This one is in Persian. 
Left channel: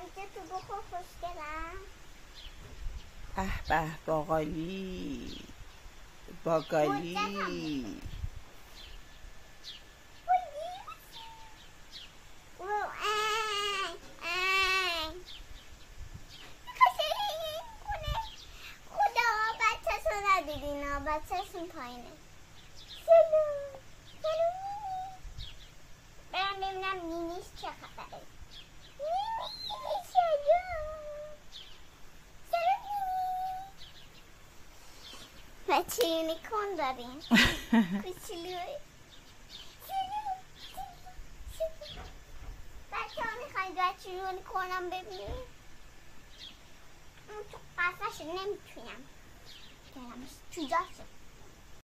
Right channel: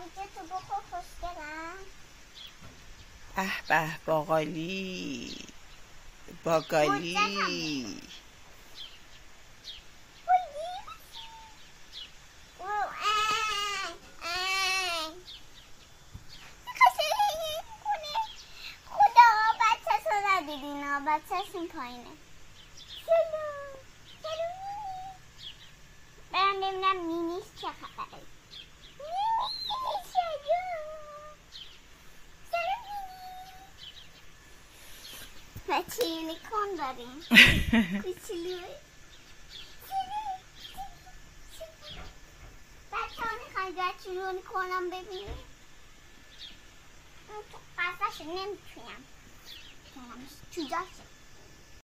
بچه تو بخور خوشگلم. به باقالی باقالی بچه‌شون پایینه. سلام برم ببینم مینیش چه خبره. مینی سلام مینی. بچه یونیکورن داریم. کوچولوه. بچه ها میخواید بچه یونیکورنم ببینیم؟ تو قفش نمیتونم تو جاشه.